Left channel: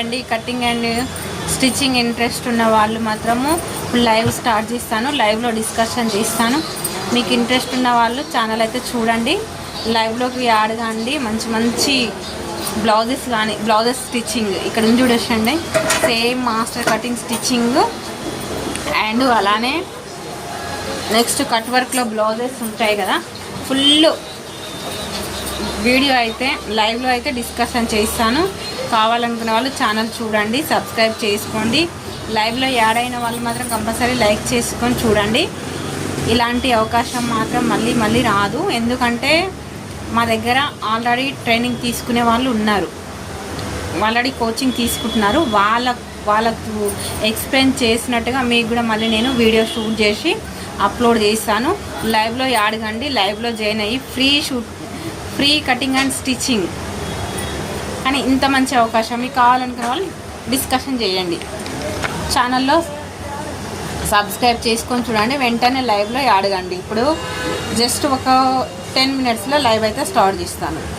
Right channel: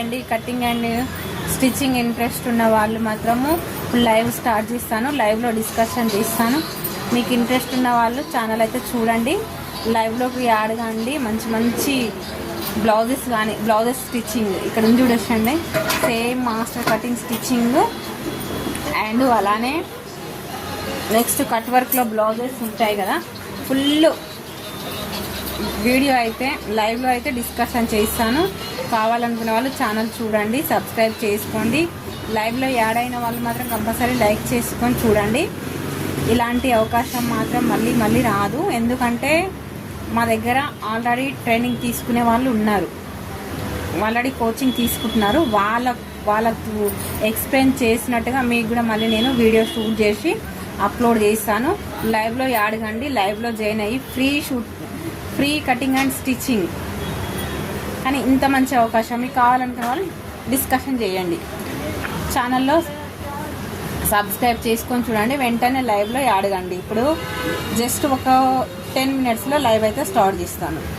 అండి cutting and stitching interest ఉన్న వాళ్ళు మాత్రము లైవ్ స్టార్ట్ చేస్తాను. లైవ్లో డిస్కషన్ చేస్తాను. మీకు ఇంట్రెస్ట్ ఉన్న వాళ్ళు ఛానల్ అయితే చూడండి. లైవ్లోకి యాడ్ కాండి. మంచి మంచి బ్లౌజెస్ కానీ బ్లౌజెస్ స్టిచ్చింగ్ ఇక్కడ నుంచి చూడొచ్చండి. Same master cutting stitching and అలానే నెక్స్ట్ కట్ వర్క్లో బ్లౌజెస్ ఉంటాయి కదా. ఫుల్ వీడియో అయితే లైవ్లో అయితే డిస్కషన్ చేస్తాను. కావాలనుకునే వాళ్ళు ఛానల్ చూడండి, సబ్స్క్రైబ్ చేసుకోండి. లైవ్లో యాడ్ అయిన వాళ్ళు మాత్రం కంపల్సరీ లైక్ చేసుకొని చూడండి. ఇలాంటి అవకాశం మాత్రం మళ్ళీ మళ్ళీ రాదు. ఎందుకంటే మా దగ్గర ఆల్రెడీ ట్రైనింగ్ తీసుకునే వాళ్ళు ఉన్నారు, ఆల్రెడీ కోచింగ్ తీసుకుంటున్నారు. వాళ్ళకు ఎక్స్ప్లెయిన్ చేసినట్టుగా మీకు కూడా మళ్ళీ నేను వీడియో షూట్ చేసి అప్లోడ్ చేస్తాను. లైవ్లో యాడ్ కండి, లైవ్లో జాయిన్ అయ్యి ఫ్రీ కటింగ్ అండ్ స్టిచ్చింగ్. కానీ ఇంత మంచి అవకాశం మీకు కావాలనుకునే వాళ్ళు డిస్కషన్ చేయండి. ఛానల్లో సబ్స్క్రైబ్ చేసుకొని చూడండి. వెంటనే లైవ్లో యాడ్ కండి. ఇప్పుడు జస్ట్ ఒక 10 minutesలో లైవ్ అయితే స్టార్ట్ చేస్తాను.